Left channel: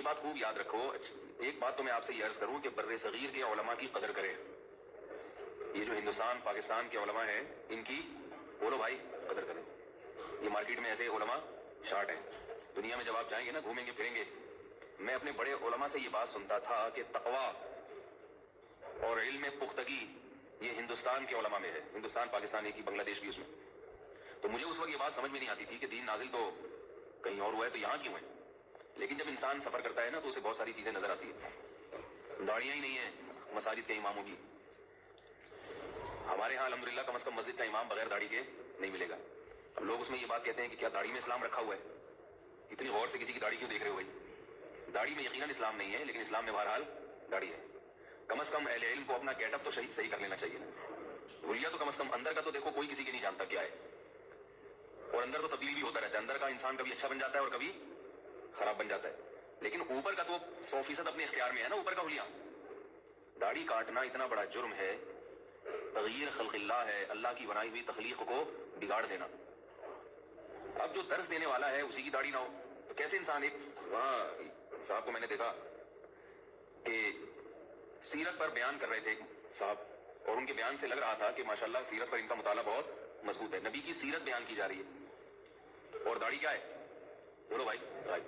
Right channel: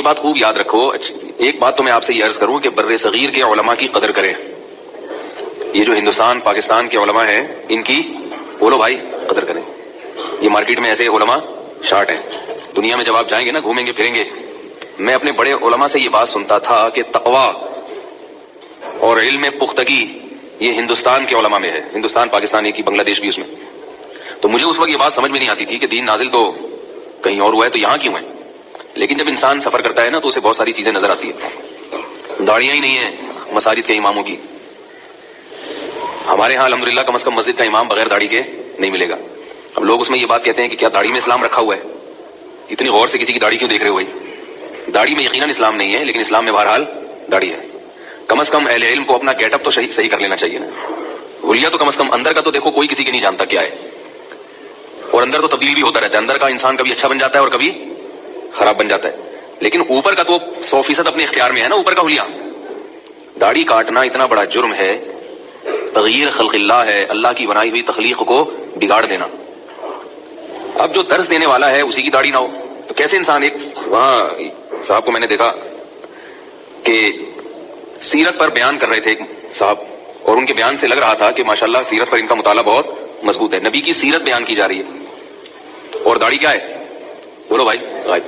یہ بات خوب یاد رکھو. ایک بات تو میں آپ سے یہ عرض کروں کہ بر صغیر کے علماء کی قدر کریں. یہ جو ہندوستان پاکستان کے علماء ہیں ان کی بولو بھائی قدر کریں. یہ مارکیٹ میں ایسے علماء شارٹ ہیں. دنیا میں جب آپ جائیں گے نا, گھومیں گے پھریں گے, میں اپنے بڑے علماء سے یہ بات سنتا تھا کہ تقویٰ اور علم پختگی یہ ہندوستان کے علماء میں ہے. ہندوستان پاکستان ایک ہی, بنگلہ دیش بھی اس میں. تو مجھے اس وقت یہ بات سمجھ میں نہیں آتی تھی کہ دین نازل تو کہیں اور ہوا ہے تو یہاں کیوں ہے. لیکن جب انسان سفر کرتا ہے نا تو اسے بہت ساری چیزیں نظر آتی ہیں. داڑیاں ہی نہیں ہیں مساجد کے اماموں کی. ہمارے ہاں الحمدللہ کم از کم مسجد کا امام بغیر داڑھی کے نہیں ملے گا. اب لوگ اس میں یہ بات کہتے ہیں کہ کیا داڑھی میں اسلام رکھا ہوا ہے. اتنی غور سے کسی کی داڑھی کیوں دیکھ رہے ہو بھائی؟ داڑھی میں یقیناً اسلام نہیں ہے, لیکن اسلام میں بہرحال داڑھی ہے. کم از کم اہل علم کو اپنا گیٹ اپ تو صحیح کر لینا چاہیے نا. حلیہ تو کم از کم اندر کا تو دیکھو, کوئی کسی کے نہیں جانتا کیا ہے. اور اندر تو تبدیلی بھی ہوتا رہتا ہے. اندر کا انسان کبھی اچھا بن جاتا ہے اور کبھی خراب بن جاتا ہے. لیکن اوپر کا تو 100% اپنے اختیار میں ہے نا. اوپر کا حلیہ, داڑھی کاٹنا اتنا بڑا جرم ہے, تغییر خلق اللہ ہے, اللہ کی بنائی ہوئی تخلیق کو بگاڑ دینا. اب جو درس دینے والا ہے اسی کی داڑھی نہ ہو تو کیسے انسان. ایک وہاں صاحب کو میں نے دیکھا کہ سیرت پر بیان کر رہے تھے ایک صاحب, اور ان کے بیان سے لگ رہا تھا کہ ماشاءاللہ سیرت پر ان کا مطالعہ بہت مضبوط ہے. نبی کی سیرت بیان کی جا رہی ہے اور داڑھی کیا ہے بولو بھائی غائب.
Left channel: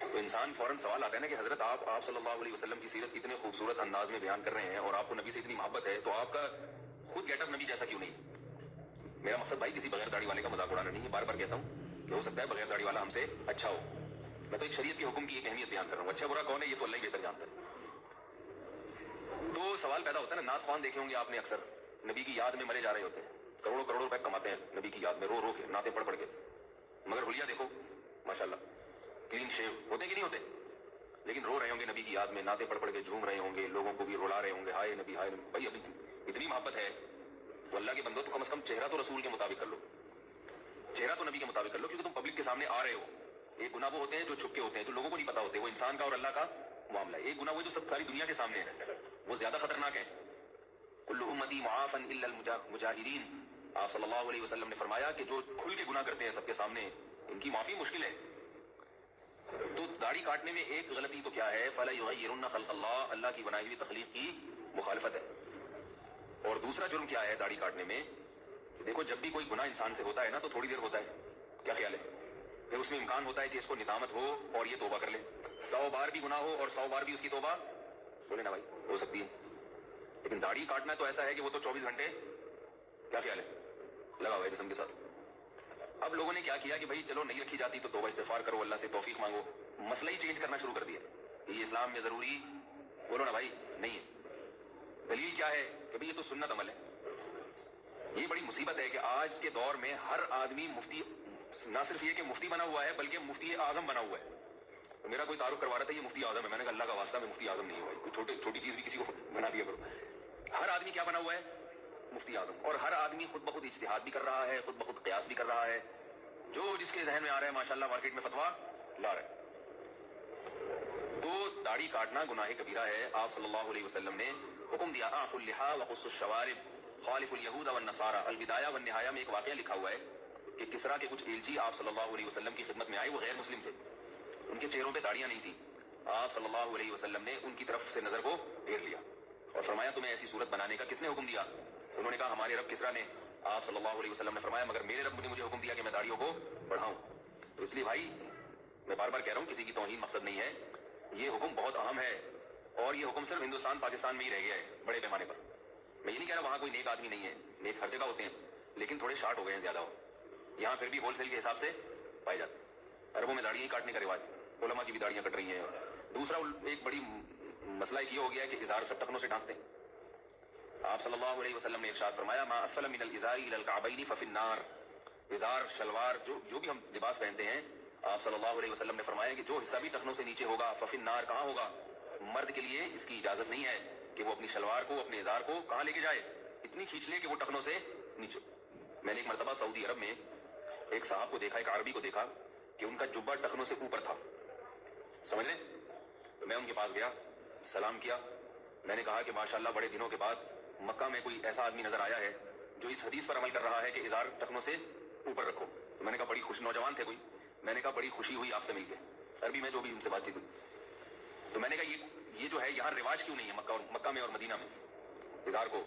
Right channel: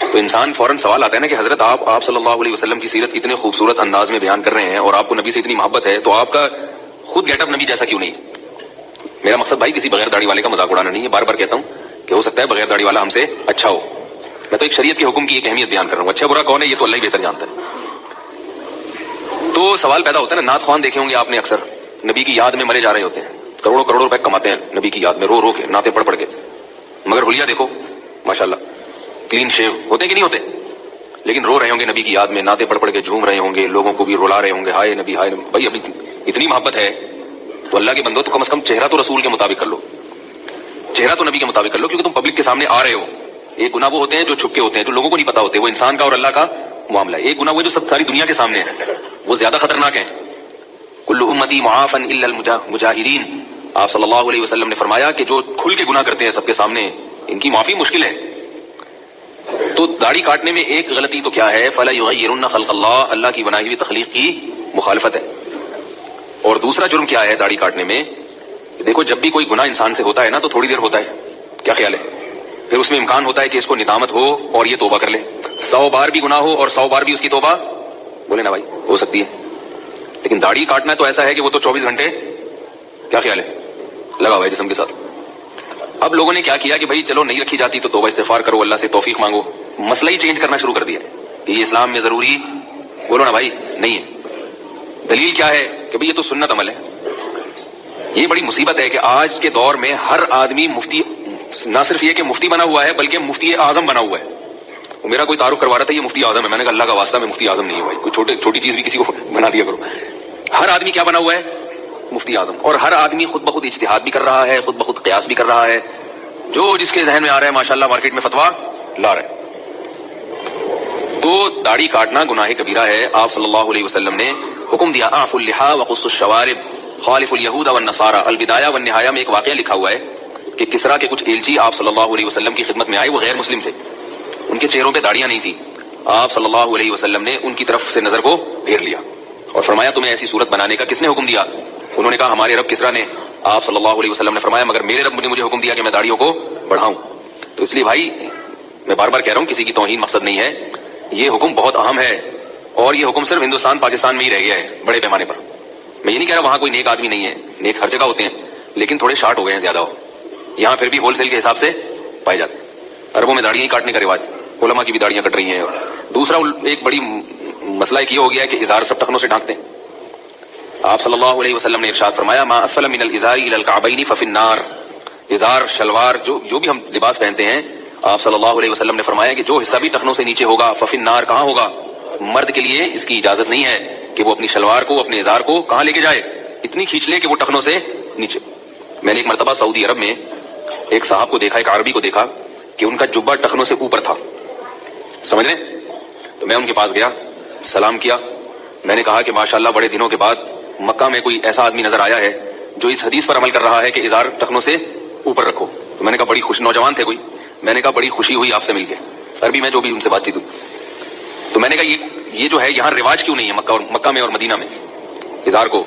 تو انسان فوراً سوال آتا ہے نا کہ حضرت آپ صلی اللہ علیہ وسلم کی سیرت اتنے خوبصورت انداز میں بیان کر رہے ہیں اور آپ کو نبی سے اتنی محبت ہے, تو آپ کا خود گیٹ اپ نبی جیسا کیوں نہیں. میرا مقصد بھائی کسی بغیر داڑھی والے کا مذاق اڑانا نہیں ہے. بار بار کہتا ہوں کہ ہو سکتا ہے بغیر داڑھی والا ہم سے اچھا ہو. میں تو ایک شریعت کے حکم کی ایک اہمیت بیان کر رہا ہوں. اچھا برا کون ہے یہ تو اللہ ہی بہتر جانتا ہے. تو سوال پیدا ہوتا ہے نا, نعت خوان دیکھے ہوں گے آپ نے, اکثر نبی کی یاد میں مرے جا رہے ہوتے ہیں, کروڑوں کروڑوں روپے کماتے ہیں نبی کی یاد میں رو رو کے, نعتیں پڑھ پڑھ کے, مگر حلیہ دیکھو ماشاءاللہ کلین شیو ہوتے ہیں کہ نہیں ہوتے, لیکن رو رہے ہوں گے نبی کی یاد میں, نعتیں پڑھ پڑھ کے جھوم رہے ہوں گے, لوگوں کو بھی رلا رہے ہوں گے, ہائے نبی ہائے نبی. بھائی ابھی اتنی محبت ہے تو اللہ کے بندو تو کم از کم چہرہ تو رسول کے مطابق کر لو, چہرہ تو نبی کے مطابق کر لو, کیونکہ تم پبلک کے سامنے آ رہے ہو. ایک گناہ وہ ہوتے ہیں جو چھپ کے ہوتے ہیں, جو لوگوں کو نہیں پتا ہوتے, وہ انسان کا اور اللہ کا معاملہ ہے. ایک گناہ وہ جو سب ساری دنیا کے سامنے ہے, وہ زیادہ خطرناک ہے. کل امتی معافا الا المجاہرین. آپ صلی اللہ علیہ وسلم نے فرمایا کہ جو کھل کے گناہ کرتے ہیں سب کے سامنے, ان کی معافی مشکل ہے. تو داڑھی کاٹنے میں ایک غلطی تو کیا ہے, فلا یغیرن خلق اللہ, اللہ کی بنائی ہوئی تخلیق کی مخالفت ہے. اور دوسرا جرم کیا ہے داڑھی کاٹنے میں, دیکھو جب بھی کوئی گناہ انسان سے ہوتا ہے نا تو تھوڑی دیر ہوتا ہے, کیا خیال ہے, پھر اس میں امکان ہوتا ہے کہ اس کو ندامت ہو اور یہ توبہ کر لے. 100 بار بھی گناہ ہو اور 100 بار بھی اس کی توبہ بولے نا بھائی ہو سکتی ہے. لیکن داڑھی کاٹنا تو ایسا ہے کہ وہ تو 24 گھنٹے, کیا خیال ہے, لگا ہوا ہے جسم کے ساتھ. اب لوگوں نے کیا کیا کہ بھائی چلو نہیں رکھی جاتی تو توبہ استغفار کرو, اللہ سے توفیق مانگو. مسئلہ ہی چینج کرنا شروع کر دیا کہ یہ اسلام میں ضروری بولو نا بھائی نہیں ہے. دلیل کیا ہے کہ بھئی یہ تو سنت عمل ہے. یہ بڑی مصیبت ہے کہ آج کے دور میں ہر آدمی مفتی, نہ صرف یہ کہ مفتی بنا ہوا ہے بلکہ مفتی اعظم بنا ہوا ہے. میرا کوئی تعارف کروا رہا تھا یہ مفتی اعظم ہے, میں نے کہا اللہ کا واسطہ میں مفتی اعظم نہیں ہوں بھائی, کوئی چھوٹی چیز بھی کسی کو بنا دیا کرو. ہر آدمی کیا بنا ہوا ہے, مفتی اعظم. اور ہر آدمی خود بخود اجتہاد بھی کر رہا ہے, خود بخود قیاس بھی کر رہا ہے, جو جس کے ذہن میں آ رہا ہے ماشاءاللہ مارکیٹ میں فتویٰ لا رہا ہے. تو داڑھی کاٹنا گناہ کبیرہ ہے. آپ صلی اللہ علیہ وسلم نے حکم دیا, اعفوا اللحى وقصوا الشوارب خالفوا اليهود والنصارى. البدایہ والنہایہ میں ایک واقعہ لکھا ہوا ہے کہ کسرا کے کچھ ایلچی آپ صلی اللہ علیہ وسلم کی خدمت میں آئے, وہ غیر مسلم تھے, ان کے چہروں پہ داڑیاں نہیں تھیں. آپ صلی اللہ علیہ وسلم نے ان کی طرف سے نظر کو پھیر لیا اور فرمایا تمہیں ایسی صورت بنانے کا کس نے حکم دیا؟ انہوں نے کہا ہمارے رب کسرا نے. آپ صلی اللہ علیہ وسلم نے فرمایا مگر میرے رب نے مجھے حکم دیا کہ میں داڑھیوں کو بڑھاؤں. تو اس لیے بھائی میں بار بار کہہ رہا ہوں کسی کی توہین مقصد نہیں ہے, یہ حکم بہت اہم ہے اور یہ حکم صرف ہندوستان پاکستان میں ہی رہ گیا ہے بڑے پیمانے پر. میں یہ نہیں کہہ رہا وہاں کوئی نیک آدمی نہیں ہے, نیک ہر جگہ ہوتے ہیں, لیکن تھوڑے شارٹ ہو گئے ہیں زیادہ ہو. یہاں پھر بھی ہول سیل کے حساب سے پائے جاتے ہیں. عربوں میں داڑیاں ہی کاٹنے کا رواج, علماء کی بھی داڑیاں کٹ رہی ہیں. دوسرا ایک بڑی مسئلہ ایک یہ ہو گیا ہے کہ ازار سب ٹخنوں سے ڈھانکتے ہیں. آپ صلی اللہ علیہ وسلم نے ارشاد فرمایا ما اسفل من الازار الى الكعبین ففی النار. ازار شلوار جو بھی ہم لباس پہنتے ہیں, آپ صلی اللہ علیہ وسلم نے فرمایا کہ جو حصہ بھی ٹخنوں سے نیچے ہوگا ففی النار, کہاں ہوگا, مرد کے لیے اس کی اجازت نہیں ہے کہ وہ اپنی شلوار کو اپنے ازار کو کہاں لے کے جائے, اتنی کھینچ لے کہ وہ ٹخنوں سے نیچے. میں نے ایک مرتبہ سعودی عرب میں ایک صاحب کو دیکھا, ایک عربی کو دیکھا کہ ان کا جبہ ٹخنوں سے اوپر تھا, سمجھ رہے. تو میں ان کے پاس گیا, سلام کیا, میں نے کہا کہ ماشاءاللہ بڑے دنوں کے بعد مکہ میں کوئی ایسا آدمی نظر آیا ہے جو اس حدیث پر عمل کر رہا ہے کہ ازار ٹخنوں سے اوپر رکھو. تو میں نے کہا بڑی خوش, نوجوان تھے کوئی, میں نے کہا بڑی خوشی ہوئی آپ سے مل کے, عربی میں جو بھی ان سے بات چیت ہوئی. تو میں نے کہا یہ جو ہے یہاں رواج کیوں نہیں ہے مکہ میں اور مدینہ میں اظہار کو؟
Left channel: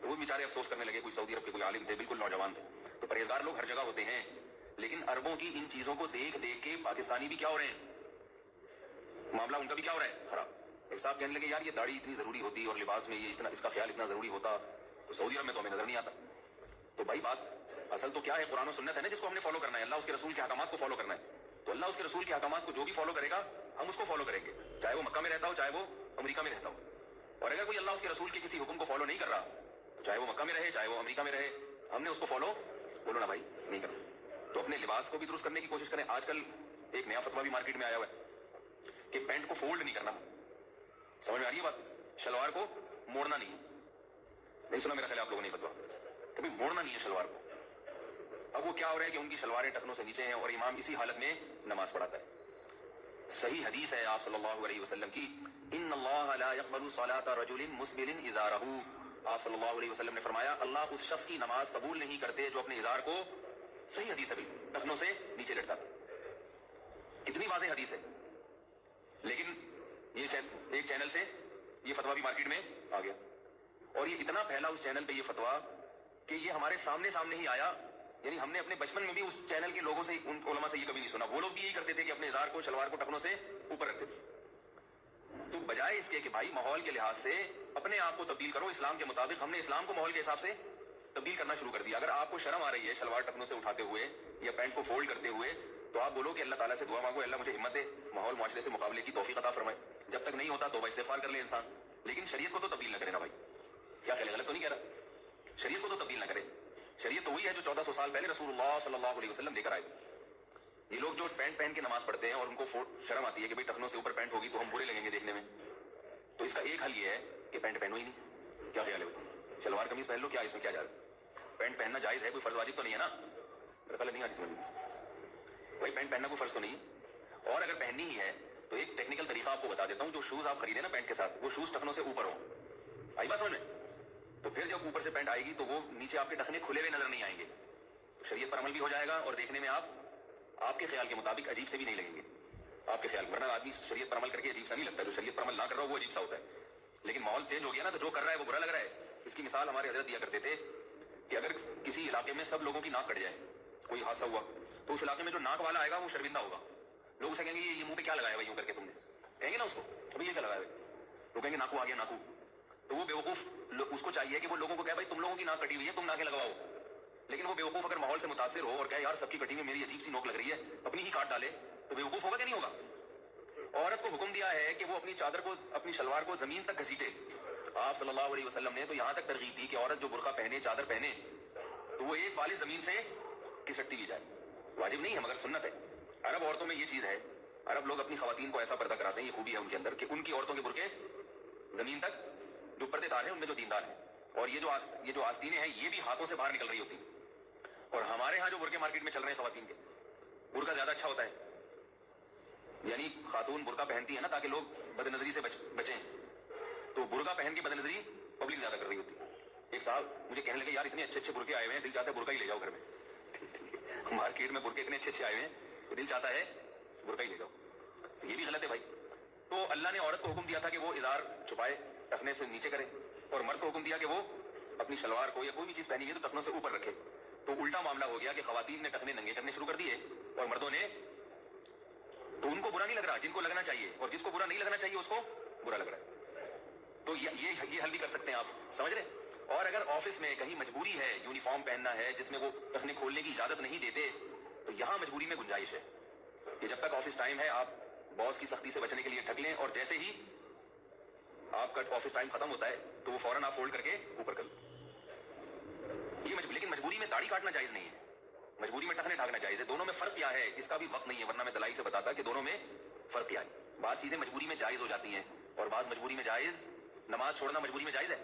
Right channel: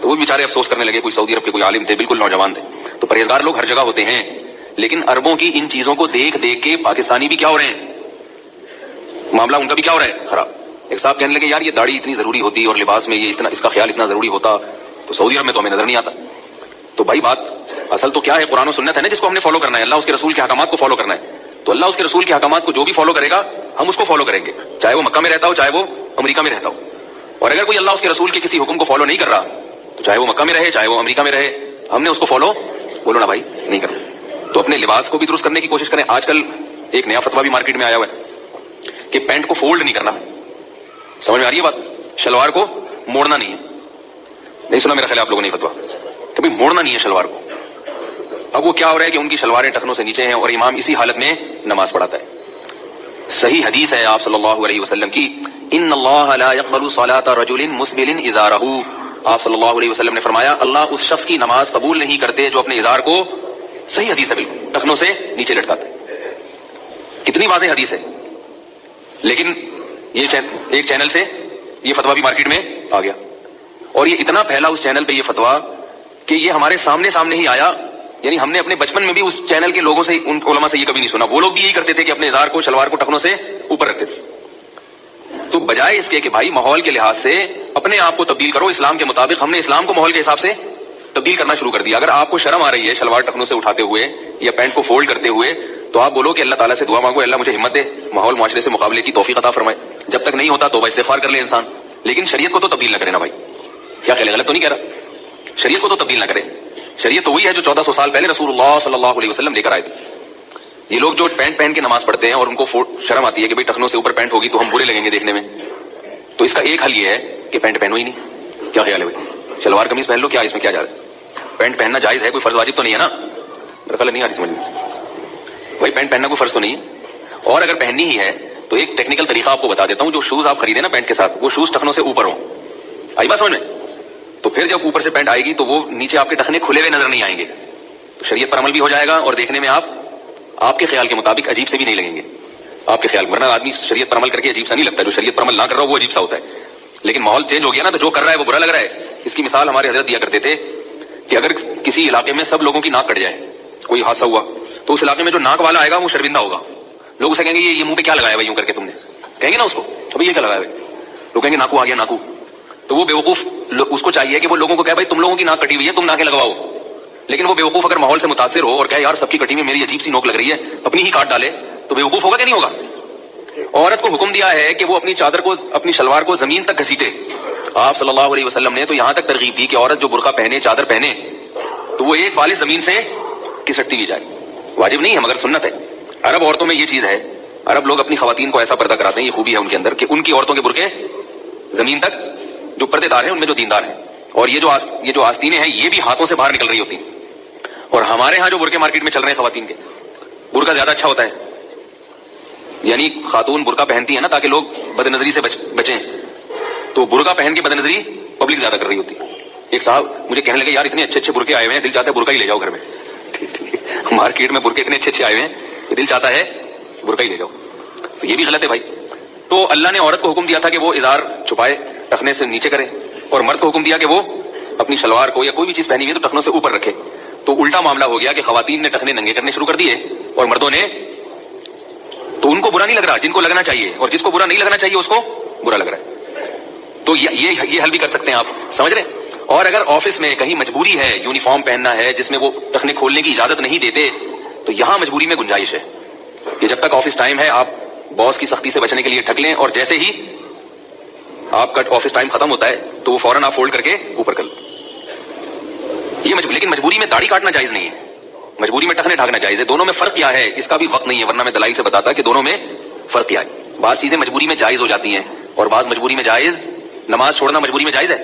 تو وہ بیچارے افسوس کرنے لگے. کوئی سعودی عرب کے کوئی عالم تھے, بالکل نوجوان تھے. تو پرہیزگار لوگ ہر جگہ ہوتے ہیں, لیکن عربوں کی ان چیزوں کو دیکھ دیکھ کے پاکستانی بھی کیا ہو رہے ہیں, معاملہ ان کا بھی کیا ہو رہا ہے خراب. ایک صاحب کہنے لگے یار یہ داڑھی اتنی ضروری ہوتی اور لباس میں یہ اتنا, اس کا خیال اتنا ضروری ہوتا تو سعودی عرب میں تو ہمیں نظر نہیں آتا. تو بھائی بات اصل تو کیا ہے, قرآن و سنت ہے نا جس کو ہم نے فالو کرنا ہے, اللہ اس کے رسول کے احکامات کو فالو کرنا ہے. تو اللہ اس کے رسول کے احکامات کو جو بھی فالو کرے گا ہم اس کو فالو کریں گے, چاہے وہ مکہ میں رہتا ہو چاہے وہ امریکہ میں رہتا ہو. اور اگر کوئی اللہ اس کے رسول کے کسی حکم کو فالو نہیں کر رہا تو چاہے وہ مکہ میں رہے چاہے وہ امریکہ میں رہے, ہم نے اس کو فالو بولو نا بھائی نہیں کرنا. تو اپنے لباس کو بھی درست کرنے کی کوشش کریں. آج کل ایک نیا فتویٰ بھی مارکیٹ میں آیا ہوا ہے کہ پینٹ کو فولڈ نہیں کرنا. سمجھ میں آ رہی ہے بات؟ شلوار کو موڑنا نہیں ہے. نہیں سنا میرا خیال آپ لوگوں نے فتویٰ کہ بھائی موڑنا نہیں ہے شلوار کو. اب وہ کیا ہو رہا ہے کہ ان کی شلواریں ٹخنوں سے نیچے ہیں اور امام اسی حالت میں نماز پڑھاتا ہے. صحیح حدیث ہے آپ صلی اللہ علیہ وسلم کی, ان اللہ لا يقبل صلاة رجل مسبل ازارہ. آپ صلی اللہ علیہ وسلم نے فرمایا اللہ اس شخص کی نماز قبول نہیں کرتے جو اپنے ازار کو, صحیح حدیث ہے بالکل, ٹخنوں سے نیچے لٹکاتا ہے. کتنی واضح حدیث ہے. لیکن یہ ایک چینل سے یہ فتویٰ بھی مارکیٹ میں آ گیا اور یہ اتنا پھیلا اس چینل پہ یہ فتویٰ کہ یہ ہمارے سامنے ہی آیا. یعنی ہم نے اپنے بچپن میں بھی اس چینل کے لوگوں سے, ان علماء سے یہ کبھی نہیں سنا. وہ لوگ بھی یہی کرتے تھے کہ اپنے ازار کو شلوار کو ٹخنوں سے اوپر رکھتے تھے. تو بجائے اس کے کہ بھائی ماحول کے لحاظ سے اپنے آپ کو تبدیل کرو اسلام کے مطابق, ہم نے اسلام کو ماحول کے حساب سے تبدیل کرنا شروع کر دیا. اگر آپ کو شرم آ رہی ہے شلوار ٹخنوں سے اٹھاتے ہوئے یا پینٹ کو فولڈ کرتے ہوئے تو آپ بولو کہ اللہ تعالیٰ سے دعا مانگو, اللہ مجھے ہمت دے, ماحول معاشرے سے مقابلے کی توفیق عطا فرمائے. جب تک نہیں ہوتا توبہ استغفار کر لے انسان, لیکن شریعت کو تو تبدیل نہ کرے نا بھائی. کیا خیال ہے, غلط تو نہیں کہہ رہا؟ شریعت کو تو تبدیل نہ کرے. شریعت تو وہی ہے جو 1400 سال پہلے رسول اللہ صلی اللہ علیہ وسلم لے کر آئے تھے. یہ لوگ جو پینٹ پہن کے نماز پڑھتے ہیں اور ان کو شرم آتی ہے کہ بھائی ٹخنوں سے اوپر پینٹ ہوگی تو ہم برے لگیں گے دیکھنے میں, تو اس کا ایک حل یہ ہے کہ پینٹ پہنو ہی نہیں. کیا خیال ہے بھائی, شلوار قمیض پہن لو, کیا اس میں کیا جا رہا ہے؟ پینٹ پہننا جائز ہے, کوئی فرض واجب تو نہیں ہے نا. میرا خیال نہیں آ رہی سمجھ میں بھائی, پینٹ پہننا کوئی فرض تو نہیں ہے. اور اگر پہننی ہی ہے تو ایک ٹیکنیکل طریقہ آپ کو بتا دیتا ہوں. جو شوز آپ خریدیں نا پینٹ کے ساتھ, وہ شوز ٹخنوں سے اوپر ہوں. آئی بات سمجھ میں؟ تو پھر جب اوپر سے پینٹ آئے گی تو وہ نیچے آپ کے ٹخنے کھلے ہوئے نظر نہیں آئیں گے. تو شریعت پر عمل بھی ہو جائے گا اور دیکھنے میں آپ کے خیال کے مطابق عجیب سے بھی نہیں لگیں گے. آپ کے خیال, ورنہ آدمی شریعت پر عمل کر کے عجیب سا نہیں لگتا, جو شریعت پر عمل نہ کر رہا ہو وہ عجیب سا ہوتا ہے. لیکن ماحول چینج ہو گیا نا, تو جو کر رہا ہے وہ برا لگ رہا ہے. اس کی مثال ہمارے حضرت دیا کرتے تھے کہ اگر کسی علاقے میں سب لوگوں کی ناک کٹ جائے, کوئی حادثہ ہوا, تو اس علاقے میں جو ناک والا آئے گا وہ شرمندہ ہوگا. لوگ اسے کہیں گے یہ منہ پہ کیا لگایا بھائی یوں کر کے تم نے, کہیں گے نا اس کو ابھی یہ کیا لگایا بھائی, لوگ کہیں گے ناکو آ گیا ناکو. تو وہ بیوقوف اس کو چاہیے کہ وہ لوگوں کو کہے بھائی تم لوگوں کی ناک کٹی ہوئی ہے تم ناکیں لگواؤ. لیکن وہ بیوقوف اگر ماحول سے متاثر ہو اور کہے یار سب کی کٹی میں میری عجیب سی نوک لگ رہی ہے, اپنی ہی کاٹ ڈالے, تو بیوقوف ہوگا کہ نہیں ہوگا؟ عورت کو حکم دیا ہے کہ وہ اپنی چادر کو, اپنی شلوار کو زمین تک گھسیٹے. آپ صلی اللہ علیہ وسلم نے تو یہاں تک ترغیب دی کہ عورت جو برقع پہنے, چادر پہنے, تو وہ ایک بالے زمین سے کسٹتی بھی جائے. واجب نہیں ہے مگر سنت ہے. عرب عورتوں میں یہ چیز ہے, عرب لوگ اپنی خواتین کو ایسا پردہ کراتے ہیں, یہ خوبی ہے ان کے اندر کہ ان کی عورتوں کے برقعے زمین تک, جو پردے دار ہیں ان میں جو دیندار ہیں, اور یہ جو آستینیں ہیں یہ بھی ہاتھوں سے باہر نکل رہی ہوتی ہیں. اور ہمارے ہاں جو برقعے مارکیٹ میں چل رہے ہیں خواتین کے, برقع زیادہ اچھا ہوتا ہے. یعنی خاتون برقع پہنتی ہے نا تاکہ لوگ بد نظری سے بچیں, تو برقع پہن کے بد نظری پبلک زیادہ کر رہی ہوتی ہے. ایک صاحب مجھے کہنے لگے یار اتنے اچھے اچھے برقعے آئے ہوئے ہیں, دل چاہتا ہے برقع ہی لے جاؤ گھر میں. مارکیٹ میں برقعے اتنے اچھے اچھے آئے ہوئے ہیں, دل چاہتا ہے برقع ہی لے جاؤ. تو یہ بھی غلط ہے بھائی. تو اللہ نے عورت کو حکم دیا تھا کہ وہ ازار چھپائے, ٹخنے سے نیچے کرے, اور مرد کو حکم دیا کہ وہ اپنی شلوار کو یا کوئی بھی چیز پہنی ہوئی ہے تو ٹخنوں سے اوپر رکھے. تو الٹا معاملہ ہو گیا کہ خواتین نے ٹخنے ننگے کرنے شروع کر دیے اور مردوں نے, تو ان کو برا نہیں لگ رہا جن کو لگنا چاہیے, اور جس کو برا نہیں لگنا چاہیے اس کو برا لگ رہا ہے. تو یہ حل بھی کر سکتے ہیں آپ, سمجھ رہے ہیں. اور اگر آفس میں کہیں مجبوری ہے, یونیفارم پہننا ہے جس میں وہ ٹخنے کھولنے کی اجازت نہیں دیتے, تو یہاں مجبوری میں گنجائش ہے کہ جب تک آفس ٹائم ہے آپ باس کی سختی سے بچنے کے لیے ٹھگ لیں, اور جیسے ہی آپ کا آفس ٹائم ختم ہوتا ہے تو وہ فوراً آپ فولڈ کر کے اوپر کر لیں. لیکن مجبوری میں داڑھی کاٹنا جائز نہیں ہے, مجبوری میں ٹخنے ڈھانکنا جائز ہے. دونوں میں فرق کیا ہے اس کا بھی وقت نہیں ہے, ورنہ میں دلائل سے بتاتا کہ دونوں میں فرق کیا ہے. بعض چیزیں مجبوری میں جائز ہو جاتی ہیں اور بعض مجبوری میں جائز. نماز چھوڑنا مجبوری میں جائز ہے؟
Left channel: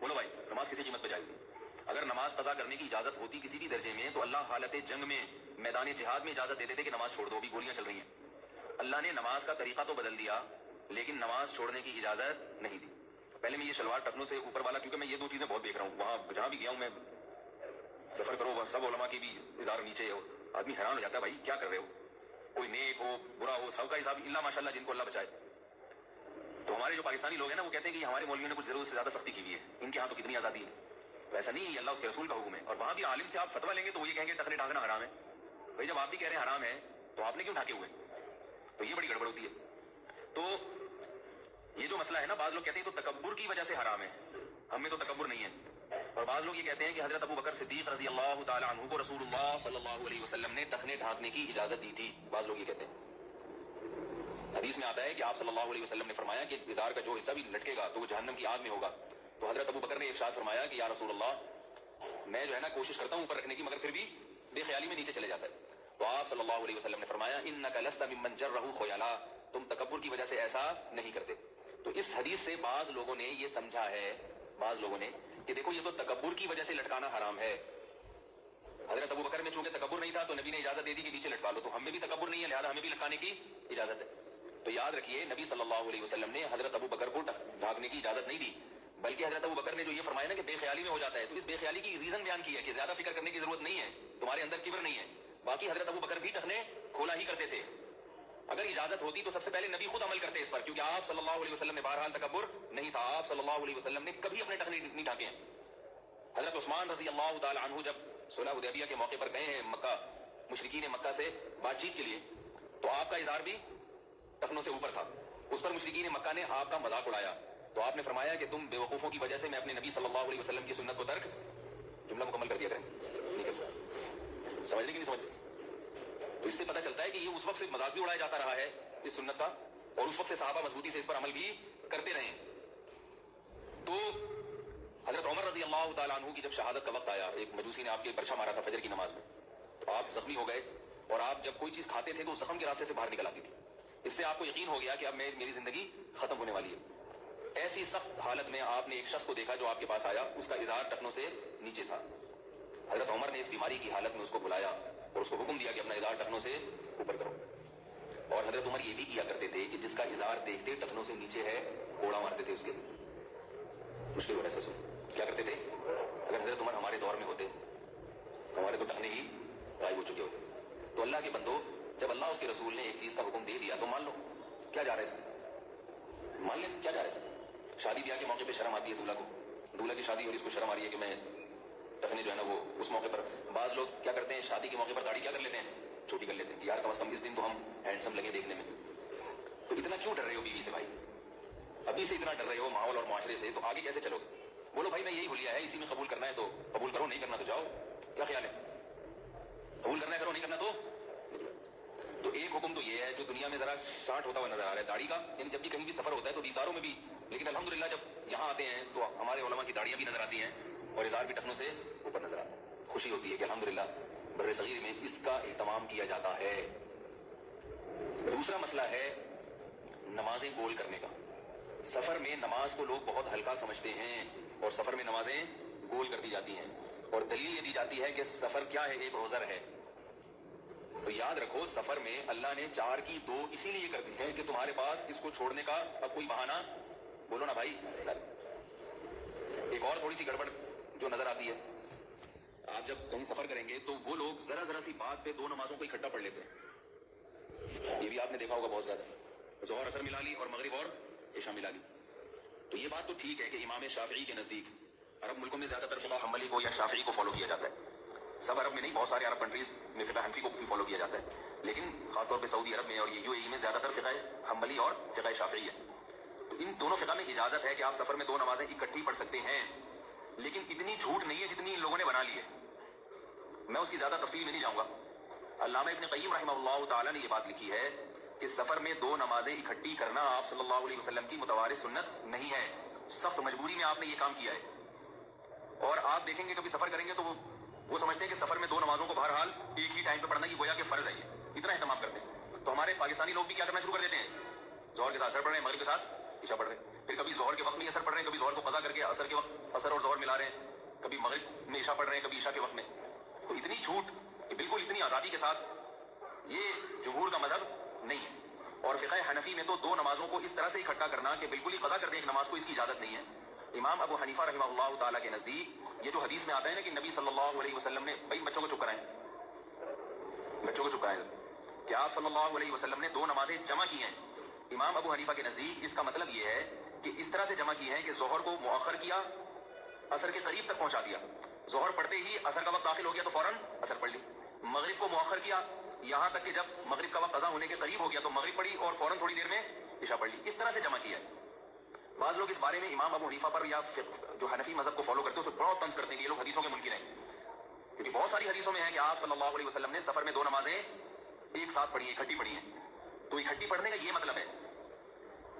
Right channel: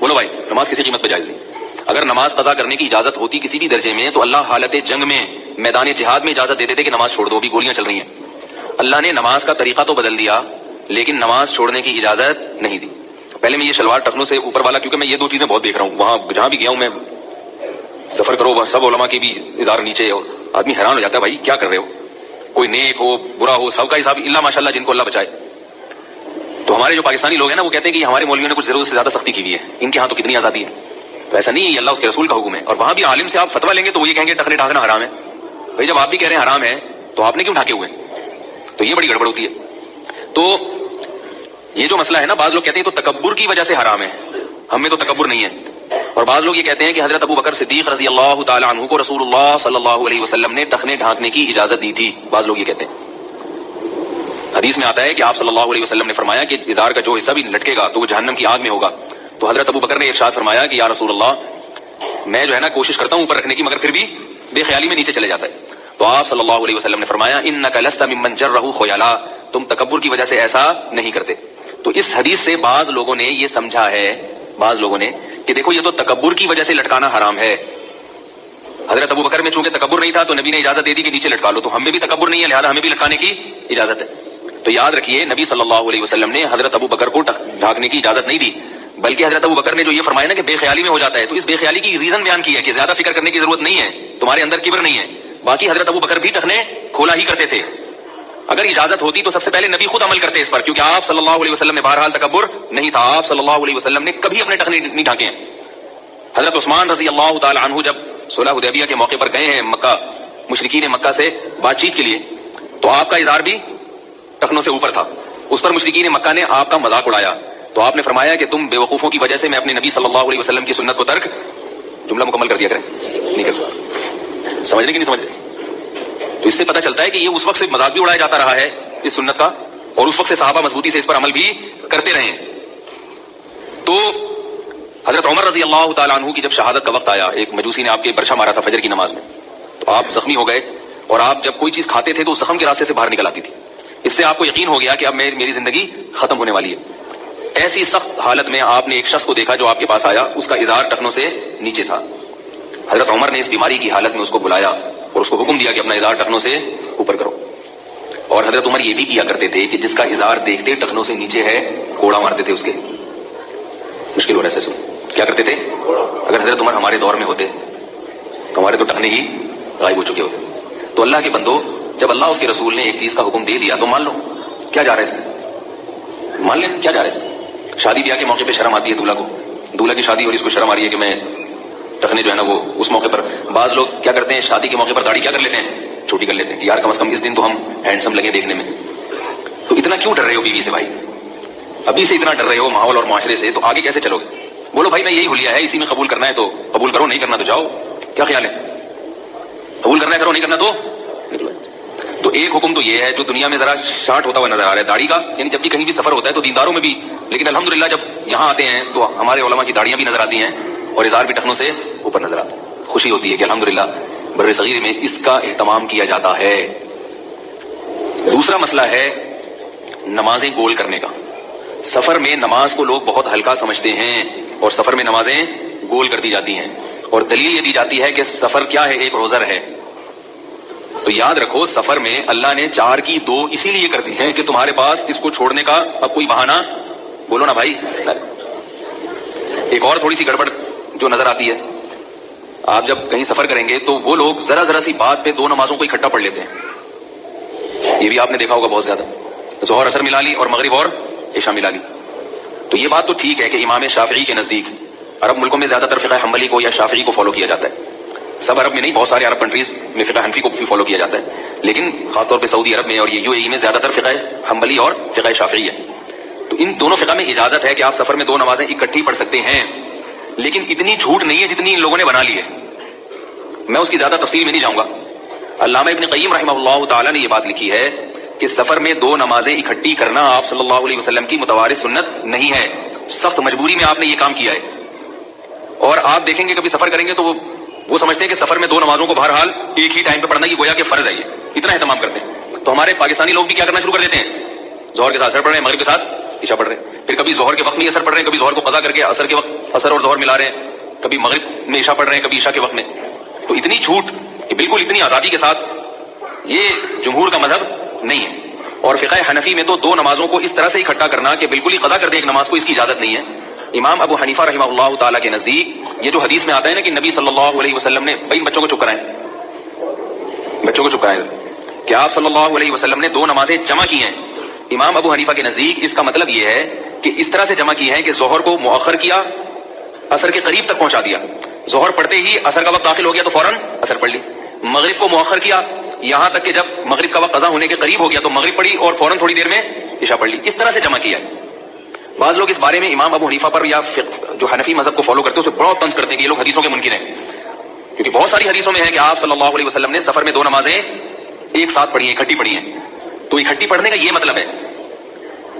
بولو بھائی, نماز کسی قیمت پہ جائز نہیں. اگر نماز قضا کرنے کی اجازت ہوتی کسی بھی درجے میں تو اللہ حالت جنگ میں, میدان جہاد میں اجازت دیتے تھے کہ نماز چھوڑ دو, بھی گولیاں چل رہی ہیں. اللہ نے نماز کا طریقہ تو بدل دیا لیکن نماز چھوڑنے کی اجازت نہیں دی. پہلے میں یہ شلوار ٹخنوں سے اوپر والا, کیونکہ میں یہ دو چیزیں بہت دیکھ رہا ہوں, وہاں جہاں بھی گیا ہوں میں, سفر کرو سب علماء کی بھی ازار نیچے, اور آدمی حیران ہو جاتا ہے بھائی کیا کر رہے ہو, کوئی نیک ہو برا ہو سب کا حساب, اللہ ماشاء اللہ جن کو اللہ بچائے. تو ہمارے جو پاکستانی لوگ ہیں نا وہ کہتے ہیں کہ ہمارے مولویوں نے کچھ ضرورت سے زیادہ سختی کی ہوئی ہے، ان کے ہاں تو کتنی آزادی ہے. تو ایسا نہیں ہے، یہ اللہ اس کے رسول کا حکم ہے. اور وہاں بھی عالم سے آپ فتویٰ لیں گے تو وہ یہ کہیں گے ٹخنے ڈھانکنا حرام ہے. بھائی جب آپ بھی کہہ رہے ہیں حرام ہے تو آپ نے کیوں ڈھانکے ہوئے؟ تو یہ بڑی گڑبڑ ہوتی ہے. تو یہ جو مسئلہ ہے نا، بعض لوگ کہتے ہیں تو تکبر کی وجہ سے حرام ہے، ہم میں تو تکبر نہیں ہے. اور بعض لوگ یہ کہتے ہیں کہ حضرت ابو بکر صدیق رضی اللہ تعالی عنہ کو رسول اللہ صلی اللہ علیہ وسلم نے ٹخنے ڈھانکنے کی اجازت دی تھی. بعض لوگ یہ کہتے ہیں. حدیث میں آتا ہے کہ آپ صلی اللہ علیہ وسلم نے فرمایا کہ ازار کا جو حصہ بھی لٹکے گا تو وہ جہنم کی آگ میں ہوگا. تو حضرت ابو بکر نے ارشاد فرمایا کہ یا رسول اللہ، میں جو ہے نا کوشش کرتا ہوں اوپر رکھنے کی، مگر پھر بھی بے خیالی میں نیچے چلے جاتا ہے. تو آپ صلی اللہ علیہ وسلم نے فرمایا انک لست ممن جرہ خیلا، تم تکبر کی وجہ سے ایسا نہیں کرتے. تو اس حدیث سے بعض لوگوں نے یہ سمجھا ہے، بعض لوگوں نے، کہ دیکھو یہ تو تکبر کی وجہ سے لٹکانا حرام ہے. حضرت ابو بکر میں چونکہ تکبر نہیں تھا تو نبی نے اجازت دے دی کہ نیچے لٹکا لو، تو ہم میں بھی تکبر نہیں ہے لہذا ہمیں بھی لٹکانے کی اجازت ہے. تو یاد رکھیے نبی صلی اللہ علیہ وسلم نے حضرت ابو بکر کو ڈھانکنے کی اجازت نہیں دی، بلکہ حضرت ابو بکر نے جو یہ فرمایا نا کہ بے خیالی میں ہو جاتا ہے، تو اس بے خیالی کی ریزن بیان کی ہے کہ زیادہ فکر کرنے کی ضرورت نہیں ہے، تمہارے اندر کبر نہیں ہے. باقی حضرت ابو بکر بھی ٹخنے کھولا ہی کرتے تھے. اگر اجازت ہوتی تو سب سے پہلے نبی خود عمل کرتے اس پر، کیونکہ آپ صلی اللہ علیہ وسلم میں بہرحال تکبر نہیں تھا. آپ صلی اللہ علیہ وسلم نے کبھی اپنے ٹخنے نہیں ڈھانکے ہیں. حضرت عثمان رضی اللہ تعالی عنہ جب صلح حدیبیہ کے موقع پر گئے ہیں مکہ، مشرکین مکہ سے بات چیت کے لیے، تو آپ کا اظہار بھی ٹخنوں سے اوپر تھا. اس پر مشرکین مکہ نے آپ کا مذاق اڑایا. تو آپ نے فرمایا کہ تم بے وقوفوں کی وجہ سے میں اپنے نبی صلی اللہ علیہ وسلم کی سنت کو ترک، جملہ مکمل کر دیا کریں، نہیں کر سکتا، سمجھنے کی نہیں سمجھتے. تو اس سے پتہ چلتا ہے کہ یہ اس وقت سے مذاق بھی اڑایا جاتا رہا ہے اس سنت کا، اور اس وقت سے صحابہ مضبوطی سے اس پر عمل بھی کرتے رہے ہیں. تو حضرت عمر رضی اللہ تعالیٰ عنہ کی جب شہادت کا وقت آیا، ایک مجوسی نے آپ کے برچھا مارا تھا فجر کی نماز میں، تو آپ زخمی ہو گئے، اور آپ جب کوئی چیز کھاتے تھے تو اس زخم کے راستے سے باہر نکل آتی تھی. اس سے آپ کو یقین ہو گیا کہ اب میری زندگی ختم ہونے والی ہے. ایسی سخت حالت میں آپ نے ایک شخص کو دیکھا جو آپ کے پاس آیا، اس کا اظہار ٹخنوں سے نیچے تھا. حضرت عمر نے اس بیماری کی حالت میں اس کو بلایا اور اس کو حکم دیا کہ اپنا اظہار ٹخنوں سے اوپر کرو. اور حضرت عمر یہ بھی کیا کرتے تھے کہ جس کا اظہار دیکھتے ٹخنوں سے نیچے ہے کوڑا مارتے تھے اس کے. مشکل ہو رہا ہے سن، کیا کرتے تھے؟ اگر حضرت عمر ہمارے دور میں ہوتے تو ہمارے تو ٹخنے ہی غائب ہو چکے ہوتے. تو اللہ کے بندو، جب اللہ اس کے رسول نے ایک چیز کا حکم دے دیا تو مان لو. کیا جا رہا ہے اس سے؟ مان لیں کیا جا رہا ہے اس سے؟ شادی بیاہ کے موقع پہ شرم آتی ہے دولہا کو، دولہا کی شادی اور اس کو شرم آ رہی ہے کہ میں ٹخنے جو ہے نا وہ اس موقع پر. بعض لوگ کیا کرتے ہیں شادی کے موقع پر داڑھی کیا کر لیتے ہیں؟ چھوٹی کر لیتے ہیں کہ یار کم از کم اس دن تو ہم ہینڈسم لگے دیکھنے میں. تو اتنا کیوں ڈر رہے ہو بیوی سے بھائی؟ ابھی سے اتنا ڈر رہے ہو ماحول اور معاشرے سے، تو آگے کیسے چلو گے؟ بولو بھائی میں یہی حلیہ ہے، اسی میں قبول کرنا ہے تو قبول کرو، نہیں کرنا تو جاؤ. کیا خیال ہے؟ قبول کرنا ہے کرو، نہیں کرنا تو نکلو. تو ایک حکم تو یہ ہے جو دنیا میں ذرا شارٹ ہوتا ہوا نظر آ رہا ہے داڑھی کا، یعنی جب بھی کہیں بھی سفر ہوتا ہے تو دینداروں میں بھی، لیکن الحمدللہ جب یہاں آتے ہیں تو ہمارے علماء کی داڑیاں بھی نظر آتی ہیں اور اظہار بھی ٹخنوں سے اوپر نظر آتا ہے. خوشی ہوتی ہے کہ الحمدللہ بر صغیر میں اس کا اہتمام کیا جاتا ہے. دوسرا مسئلہ ہے نمازیں گول کرنے کا. سفر میں نماز کو لوگ بہت ہلکا سمجھتے ہیں اور سفر میں نمازیں گول کر دی جاتی ہیں، اور دلیل یہ دی جاتی ہے کہ سفر کیا ہے؟ ایک عذر ہے. تو یاد رکھو سفر میں اللہ نے 4 کی 2 اسی لیے کر دی ہیں کہ تمہارے پاس اس کو چھوڑنے کا اب کوئی بہانہ، بولو نا بھائی. ایک اور تھوڑی سی گڑبڑ جو نظر آتی ہے، آپ جب کہیں سفر کریں گے تو وہ لوگ ذرا سی بات پہ 2 نمازوں کو اکٹھا پڑھ لیتے ہیں. یہ بھی آپ نے دیکھا ہوگا بہت زیادہ، ظہر اثر ملا لی اور مغرب اور عشاء ملا لی. تو یہ بات تو ٹھیک ہے کہ امام شافعی کے نزدیک عرب ملکوں میں زیادہ تر فقہ حنبلی کو یا شافعی کو فالو کیا جاتا ہے. سب عرب میں نہیں، بہت سارے عرب کنٹریز میں فقہ حنفی کو بھی فالو کیا جاتا ہے، لیکن خاص طور پہ سعودی عرب میں اور یہ UAE میں زیادہ تر فقہ حنبلی اور فقہ شافعی ہے. تو ان دونوں فقہ میں اجازت ہے کہ آپ سفر میں 2 نمازیں اکٹھی پڑھ سکتے ہیں، لیکن اتنی جھوٹ نہیں ہے جتنی ان لوگوں نے بنا لی ہے. میں اس کی زیادہ تفصیل میں نہیں جاؤں گا. علامہ ابن قیم رحمہ اللہ تعالی نے یہ بات لکھی ہے کہ سفر میں 2 نمازیں اکٹھی کرنا آپ صلی اللہ علیہ وسلم کی متوارث سنت نہیں ہے، سخت مجبوری میں آپ نے یہ کام کیا ہے. اور آپ دیکھیں گے کبھی سفر کریں گے تو وہ سمجھتے ہیں کہ سفر میں 2 نمازوں کو بہرحال ایک ہی ٹائم پہ پڑھنا یہ گویا کہ فرض ہے، یہ اتنا اہتمام کرتے ہیں. تو ہمارے پاکستانی لوگ بھی کیا کرنا شروع کر دیتے ہیں، ظہر کے ساتھ اثر پڑھ رہے ہیں، مغرب کے ساتھ عشاء پڑھ رہے ہیں، پھر کبھی ظہر کے وقت میں اثر پڑھ رہے ہیں، کبھی ظہر کو قضا کر کے اثر کے وقت اثر اور ظہر ملا رہے ہیں، کبھی مغرب میں عشاء پڑھ رہے ہیں، کبھی عشاء کے وقت میں. تو اتنی چھوٹ کہ بالکل اتنی آزادی کے ساتھ، یہ جمہور کا مذہب نہیں ہے. اور فقہ حنفی میں تو 2 نمازوں کو اس طرح سے اکٹھا کرنا کہ بالکل ہی قضا کر دے ایک نماز کو، اس کی اجازت نہیں ہے. امام ابو حنیفہ رحمہ اللہ تعالیٰ کے نزدیک یہ جو حدیث میں آتا ہے نا کہ نبی صلی اللہ علیہ وسلم نے، بھائی بچوں کو چپ کرائیں، بچوں کو چپ کرائیں، کہ آپ صلی اللہ علیہ وسلم نے 2 نمازیں جمع کی ہیں امام ابو حنیفہ کے نزدیک اس کا مطلب یہ ہے کہ اس طرح سے جمع کی ہے کہ ظہر کو مؤخر کیا، عصر کے قریب تک پہنچا دیا، ظہر پڑھتے ہی عصر کا وقت داخل ہو گیا تو فوراً عصر پڑھ لی، مغرب کو مؤخر کیا یہاں تک کہ جب مغرب کا وقت قضا ہونے کے قریب ہو گیا تو مغرب پڑھی اور فوراً تھوڑی دیر میں عشاء پڑھ لی، اس طرح سے جمع کیا ہے۔ بعض لوگ اس بارے میں امام ابو حنیفہ پر یا جو حنفی مذہب کو فالو کرتے ہیں اسے بہت طنز کرتے ہیں کہ یہ لوگ حدیثوں کے منکر ہیں، کیونکہ بہت ساری حدیثوں میں ہے کہ آپ صلی اللہ علیہ وسلم نے سفر میں 2 نمازیں ایک ساتھ پڑھی ہیں، اکٹھی پڑھی ہیں، تو اکٹھی پڑھنے کا یہ مطلب ہے۔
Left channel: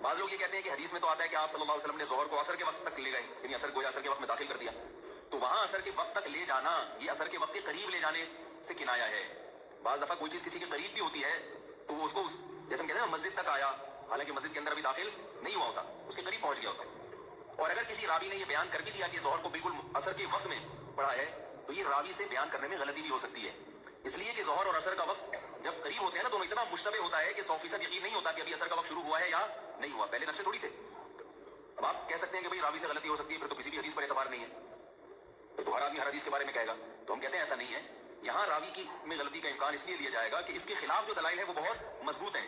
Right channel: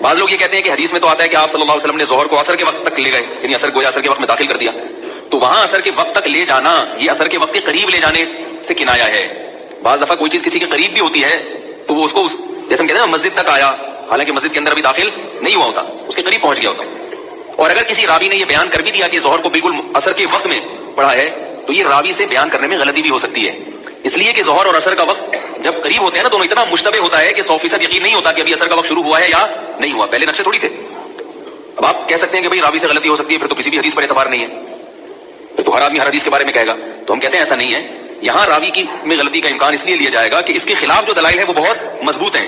بعض لوگ یہ کہتے ہیں کہ حدیث میں تو آتا ہے کہ آپ صلی اللہ علیہ وسلم نے ظہر کو عصر کے وقت تک لے گئے، یعنی عصر گویا عصر کے وقت میں داخل کر دیا، تو وہاں عصر کے وقت تک لے جانا یہ عصر کے وقت کے قریب لے جانے سے کنایا ہے۔ بعض دفعہ کوئی چیز کسی کے قریب بھی ہوتی ہے تو وہ اس کو جیسے ہم کہتے ہیں نا مسجد تک آیا، حالانکہ مسجد کے اندر ابھی داخل نہیں ہوا ہوتا، اس کے قریب پہنچ گیا ہوتا۔ اور اگر کسی راوی نے یہ بیان کر بھی دیا کہ ظہر کو بالکل عصر کے وقت میں پڑھا ہے تو یہ راوی سے بیان کرنے میں غلطی بھی ہو سکتی ہے، اس لیے کہ ظہر اور عصر کا وقت جب قریب ہوتے ہیں نا دونوں اتنا مشتبہ ہوتا ہے کہ 100% یقین نہیں ہوتا کہ ابھی عصر کا وقت شروع ہوا ہے یا نہیں ہوا، پہلے نقشے تھوڑی تھے۔ اب آپ کہہ سکتے ہیں کہ بھائی راوی سے غلطی ہو سکتی ہے، پھر تو کسی بھی حدیث پر اعتبار نہیں ہے، پھر تو ہر آدمی ہر حدیث کے بارے میں کہے گا، تو ہم کہتے ہیں ایسا نہیں ہے، یہاں راوی کی میں غلطی کا امکان اس لیے لیا جائے گا کہ اس کے خلاف جو دلائل ہے وہ بہت مضبوط ہیں۔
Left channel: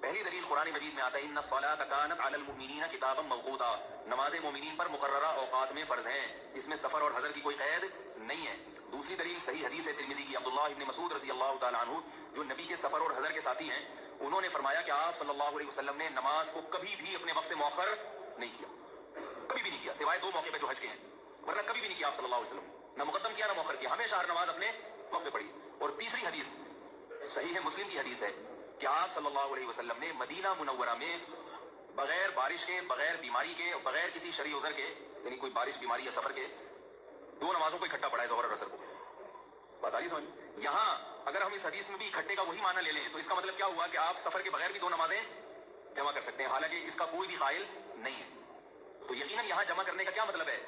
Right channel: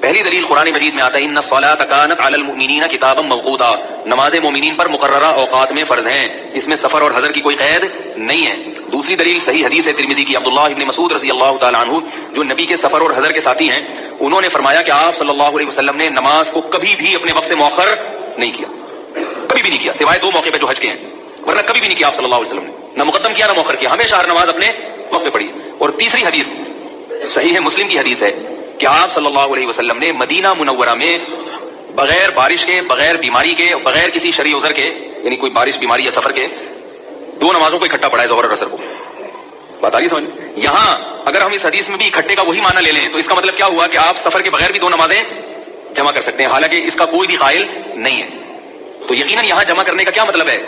پہلی دلیل قرآن مجید میں آتا ہے ان الصلاۃ کانت علی المؤمنین کتابا موقوتا، نمازیں مومنین پر مقررہ اوقات میں فرض ہیں، اس میں سفر اور حضر کی کوئی قید نہیں ہے۔ دوسری دلیل صحیح حدیث ہے ترمذی کی عبداللہ ابن مسعود رضی اللہ تعالی عنہ جو نبی کے سفر اور حضر کے ساتھی ہیں، انہوں نے فرمایا کہ آپ صلی اللہ علیہ وسلم نے نماز کو کبھی بھی اپنے وقت سے مؤخر نہیں کیا، کبھی بھی نہیں کیا، سوائے 2 موقع پہ جو حج کے ہیں، ورنہ کبھی بھی نہیں کیا آپ صلی اللہ علیہ وسلم نے، نہ مقدم کیا نہ مؤخر کیا، ہمیشہ ہر نماز اپنے وقت پہ پڑھی۔ اور تیسری حدیث صحیح ہے مسلم کی حدیث ہے کہ آپ صلی اللہ علیہ وسلم نے مدینہ منورہ میں بغیر بارش کے، بغیر بیماری کے، بغیر کسی شرعی عذر کے، یعنی کوئی بارش بیماری یا سفر کے، 2 نمازوں کو اکٹھا پڑھا ہے، ظہر اور عصر کو۔ بات آ رہی سمجھ؟ یہاں اگر ہم اس حدیث میں بھی اکٹھے کا وہی معنی لے لیں تو اس کا مطلب کیا ہوا کہ آپ سفر کے بغیر بھی 2 نمازیں جمع کر سکتے ہیں، حالانکہ اس کا کوئی بھی قائل نہیں ہے۔ تو یقیناً یہاں جمع کرنے کا کیا مطلب ہے؟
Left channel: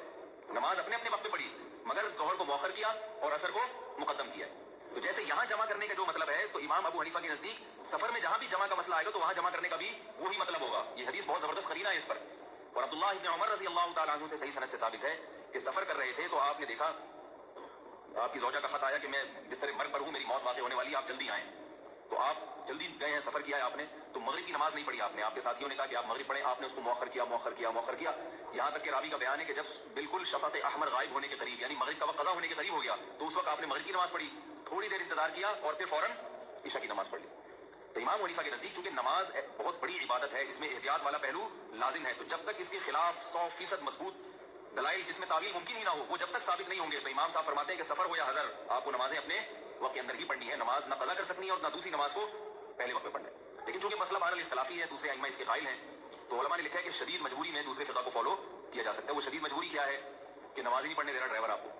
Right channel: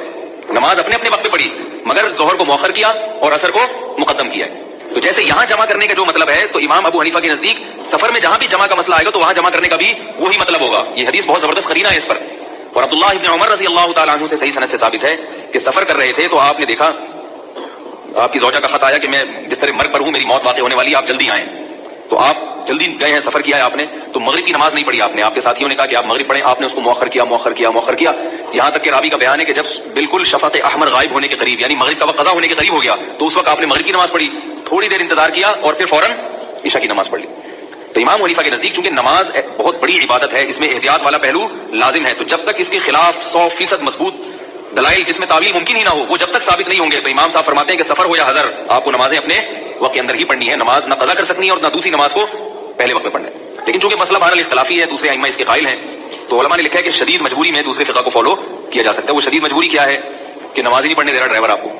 نماز اپنے اپنے وقت پہ پڑھی مگر ظہر کو مؤخر کیا اور عصر کو مقدم کیا ہے۔ تو جیسے یہاں جمع کرنے کا جو مطلب ہے تو امام ابو حنیفہ کے نزدیک سفر میں جہاں بھی جمع کا مسئلہ آئے گا تو وہاں جمع کرنے کا بھی وہی مطلب ہوگا۔ یہ حدیث بہت زبردست قرینہ ہے اس پر، اور عبداللہ ابن عمر رضی اللہ تعالیٰ عنہ سے صحیح سند سے ثابت ہے کہ سفر کر رہے تھے تو آپ نے دیکھا آپ کی زوجہ کا خط آیا کہ میں بستر مرگ پر ہوں، میری موت واقع ہونے والی ہے، آپ جلدی آئیں۔ تو آپ جلدی گئے ہیں، سفر کیا ہے آپ نے، تو مغرب کی نماز نہیں پڑھی آپ نے، آپ کے ساتھیوں نے کہا کہ آپ مغرب پڑھیں، آپ نے اس کو مؤخر کیا مؤخر کیا مؤخر کیا، یہاں تک کہ راوی کا بیان ہے کہ جب بالکل شفق احمر غائب ہونے کے قریب یعنی مغرب کا وقت قضا ہونے کے قریب ہو گیا تو اس وقت آپ نے مغرب کی نماز پڑھی، تھوڑی دیر انتظار کیا اور پھر فوراً عشاء کی نماز پڑھ لی۔ تو امام حنیفہ کے نزدیک چونکہ نماز بہت بڑی عبادت ہے، اس میں احتیاط والا پہلو لازم ہے، تو جب تک اس کے خلاف 100% مضبوط دلائل جس میں تعویل ممکن ہی نہ ہو وہ جب تک ثابت نہیں ہوں گے تو امام صاحب فرماتے ہیں کہ سفر ہو یا حضر آپ کو نمازیں اپنے وقت کے اندر ہی پڑھنی ہے، نماز نہ قضا کر سکنی ہے اور نہ دوسری نماز کو پہلے وقت میں پڑھنا ہے۔ لیکن چونکہ مسئلہ بہرحال اختلافی ہے، دوسرے ائمہ اس کے قائل ہیں، تو علماء نے لکھا ہے کہ شدید مجبوری میں دوسرے فقہ کو فالو کیا جا سکتا ہے۔ وہ شدید مجبوری کیا ہے کہ نماز ہی نہیں پڑھنے دے رہا ڈرائیور آپ کو،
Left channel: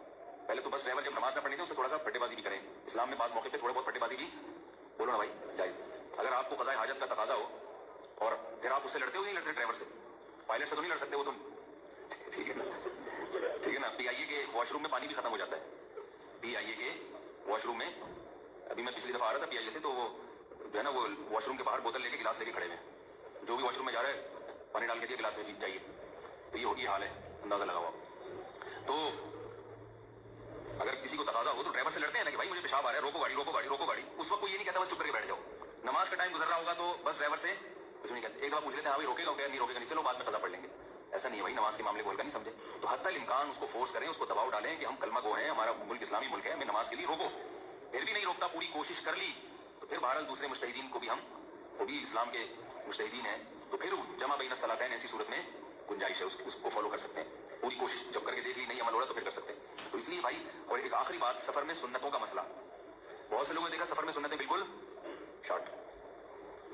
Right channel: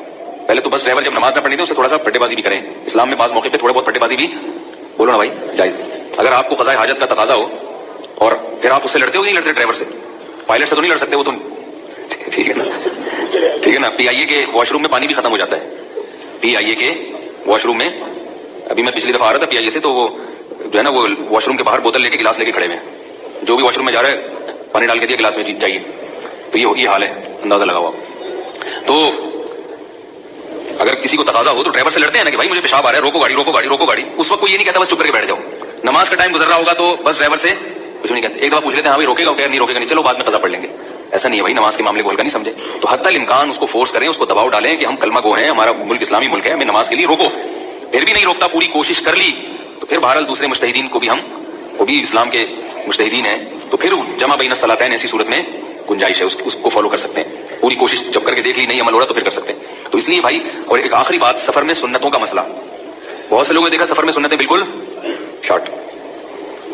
پہلے تو بس ڈرائیور جب نماز نہ پڑھنی دے اسے تھوڑا سا پھٹے بازی بھی کریں، اسلام میں بعض موقع پہ تھوڑے بہت پھٹے بازی بھی بولو نا بھائی جائز۔ اگر آپ کو قضاء حاجت کا تقاضا ہو اور پھر آپ اس سے لڑتے ہو نہیں لڑتے ڈرائیور سے، پائلٹ سے تو نہیں لڑ سکتے، وہ تو ٹھیک ہے نا، ٹھیک ہے نا۔ پی آئی اے کے واش روم میں پانی بھی ختم ہو جاتا ہے، پی آئی اے کے واش روم میں، ابھی میں پچھلی دفعہ آ رہا تھا پی آئی اے سے تو وہ جو ہے نا وہ واش روم کے باہر بوتل لے کے گلاس لے کے کھڑے ہوئے ہیں، جو بھی واش روم میں جا رہا ہے پانی ڈال کے دیا گلاس میں جائیے، تو یہ حال ہے، اندازہ لگا ہوا۔ تو اگر کسی کو تقاضا ہو تو ڈرائیور سے لڑتے ہیں نا کہ بھائی مجھے پیشاب آ رہا ہے، روکو گاڑی روکو گاڑی روکو گاڑی، اس وقت کوئی یہ نہیں کہتا بس چپ کر کے بیٹھ جاؤ، نماز کا ٹائم گزر رہا ہوگا تو بس ڈرائیور سے کچھ نہیں کہتے، ایک دفعہ پوچھ لیتے ہیں ہاں بھائی روکے گا کیا نہیں روکے گا نہیں، چلو بعد میں قضا پڑھ لیں گے، ایسا نہیں ہے بھائی، نماز کے معاملے کو ہلکا نہیں سمجھے، تو حتی الامکان اس کو فورس کریں، اس کو دباؤ ڈالیں کہ ہم کلمہ گو ہیں، ہمارا ملک اسلامی ملک ہے، ہمیں نماز کے لیے روکو، پھر بھی نہیں روکتا، پوری کوشش کر لی تو پھر بہرحال دوسرے مجتہدین کو بھی ہم وہ بھی اسلام کے مجتہدین ہیں تو پھر جمع بین الصلاتین ایسی صورت میں گنجائش ہے، اس کو فالو کر سکتے ہیں، پوری کوشش جب کر کے دیکھ لی نہیں عمل ہو رہا تو پھر کر سکتے ہیں۔ تو اس لیے بھائی، اور ایک آخری بات، سفر میں سنتوں کا مسئلہ، بہت سے لوگوں نے دیکھا سفر میں سنتیں بالکل شارٹ،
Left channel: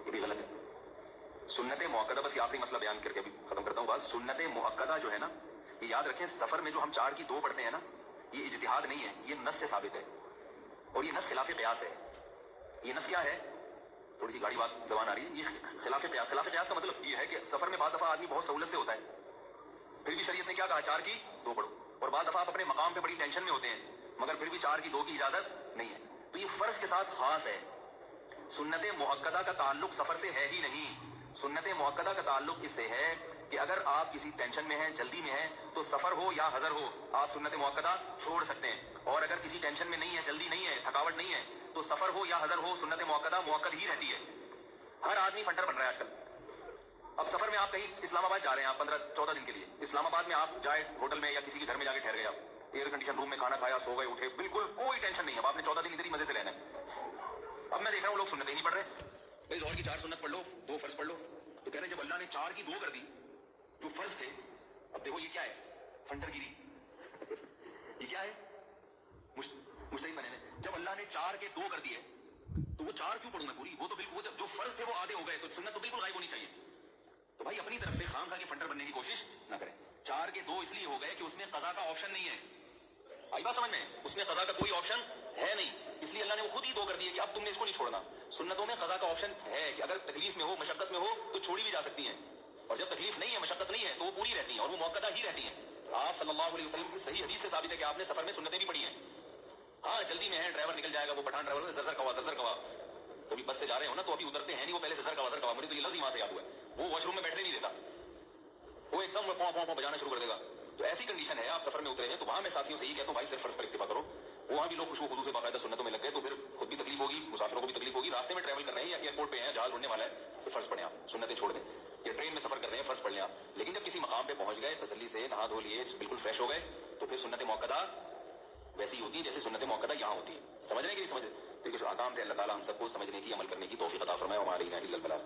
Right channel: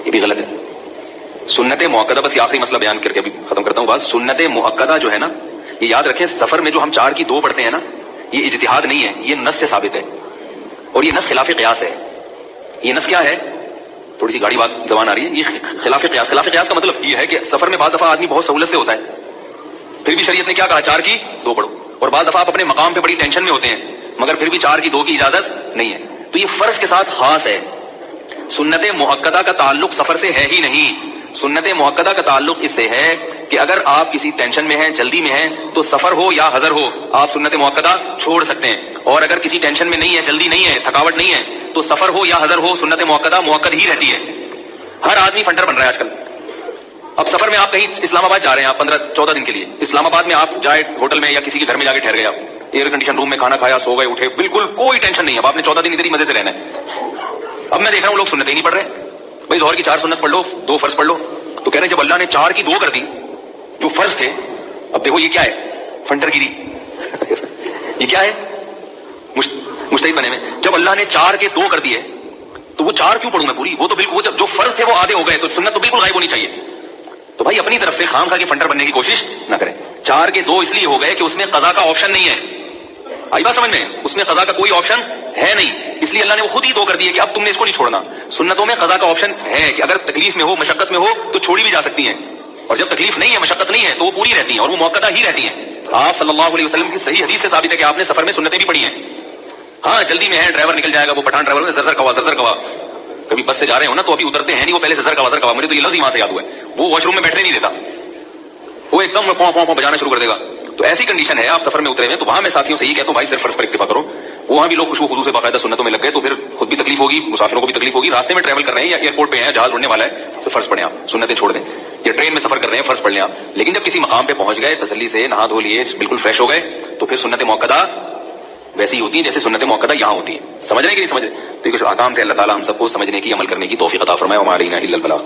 یہ بھی غلط ہے۔ سنت مؤکدہ، بس یہ آخری مسئلہ بیان کر کے ابھی ختم کرتا ہوں بات، سنت مؤکدہ جو ہے نا، یہ یاد رکھیں سفر میں جو ہم 4 کی 2 پڑھتے ہیں نا، یہ اجتہاد نہیں ہے، یہ نص سے ثابت ہے، اور یہ نص خلاف قیاس ہے۔ یہ نص کیا ہے؟ تھوڑی سی گاڑی بات زبان آ رہی ہے، یہ خلاف قیاس۔ خلاف قیاس کا مطلب یہ ہے کہ سفر میں بعض دفعہ آدمی بہت سہولت سے ہوتا ہے، پھر بھی شریعت نے کیا کہا 4 کی 2 پڑھو، اور بعض دفعہ آپ اپنے مقام پہ بڑی ٹینشن میں ہوتے ہیں مگر پھر بھی 4 کی 2 کی اجازت نہیں ہے، تو یہ فرض کے ساتھ خاص ہے۔ سنت مؤکدہ کا تعلق سفر سے ہے ہی نہیں، سنت مؤکدہ کا تعلق اس سے ہے کہ اگر آپ کسی ٹینشن میں ہیں، جلدی میں ہیں، تو سفر ہو یا حضر ہو آپ سنت مؤکدہ چھوڑ سکتے ہیں، اور اگر کسی ٹینشن میں نہیں ہے، جلدی نہیں ہے، تھکاوٹ نہیں ہے، تو سفر ہو یا حضر ہو سنت مؤکدہ مؤکد ہی رہتی ہے۔ ہر آدمی فنڈر بن رہا ہے آج کل، اب سفر میں آپ کہیں اسلام آباد جا رہے ہیں، آپ 15-14 دن کے لیے اسلام آباد میں آپ جائے ہوٹل میں یا کسی کے گھر میں جا کے ٹھہر گئے، آپ ایئر کنڈیشن روم میں کھانا کھایا، سو گئے، اٹھے، بالکل کوئی ٹینشن نہیں ہے، اب آپ نے 14 دن ادھر ہی مزے سے رہنا ہے۔ اب میں دیکھ رہا ہوں لوگ سنتیں ہی نہیں پڑھ رہے، بھائی ظہر کی 4 سنت پڑھ لو، 2 فرض پڑھ لو، تو کہہ رہے ہیں جب اللہ نے 4 کی 2 کر دی جو فرض تھے، اب دیکھو یہ کیا ہے، فنٹر گیری یہ کیا ہے، مجتہد بنے میں، جب اللہ نے 4 کے 2 کر دیے تو وہ 4 کیوں پڑھوں میں پوری، وہ تو بالکل جو فرض تھے وہ آدھے ہو گئے، تو سنت تو بالکل غائب ہونی چاہیے۔ تو بھائی اپنی طرف سے خام خواہ کے فنٹر بننے کی کوشش نہ کریں۔ 4 کے 2 اس لیے ہو گئے کہ اس میں قضا کا آپشن نہیں ہے، آئی بات سمجھ میں، اس میں قضا کا کوئی آپشن ہے نہیں، اس لیے اللہ نے وہ خود ہی 2 کر دیے کہ اب تم نے اس کو نہیں چھوڑنا۔ سنتوں میں قضا کا آپشن ہے کہ اگر تکلیف میں ہو، مشقت میں ہو تو چھوڑی بھی جا سکتی ہیں، اور جب تکلیف نہیں ہے، مشقت نہیں ہے، تو وہ پوری رہتی ہیں اور وہ موقعہ ہی رہتی ہیں۔ آپ صلی اللہ علیہ وسلم کی صحیح حدیث سے ثابت ہے کہ آپ نے سفر میں سنتیں بھی پڑھی ہیں۔ ہاں جلدی میں ہے، ڈرائیور نکل جائے گا، وہ پٹھان ڈرائیور زر کوا، کبھی بس سے جا رہے ہو نا تو ابھی اترتے ہیں نہیں، وہ پہلے سے زر کوا، مجھے تو یہ لفظ ہی وہاں سے یاد ہوا ہے، وہ واش روم میں بیٹھنے نہیں دیتا، وہ ایک دم پاؤں بجانا شروع کر دے گا۔ تو ایسی کنڈیشن ہے، آپ سفر میں اترے ہوئے، تو وہاں میں ساتھیوں سے یہ کہتا ہوں بھائی صرف فرض پر اکتفا کرو۔ وہاں بھی لوگ خوشبو خضو سے باقاعدہ سنتوں میں لگ گئے، تو پھر خود بھی تکلیف ہوگی، مسافروں کو بھی تکلیف ہوگی، راستے میں ٹریول کر رہے ہیں یا ایئرپورٹ پہ ہیں، جہاز اڑنے والا ہے، تو فرض پڑھیں، آپ سنتیں چھوڑ دیں، یا ٹرین میں سفر کر رہے ہیں فرض پڑھ لیں آپ۔ لیکن جب کسی مقام پہ پہنچ گئے، تسلی سے نہا دھو لیے، بالکل فریش ہو گئے، تو پھر سنت موقدہ ویسی ہوتی ہیں جیسے سنت موقدہ یہاں ہوتی ہیں۔ سمجھ رہے ہیں کہ نہیں سمجھ رہے؟ تو یہ کچھ احکام تھے، اللہ تعالیٰ ہم سب کو سمجھنے کی، عمل کرنے کی توفیق عطا فرمائے، وما علینا الا البلاغ۔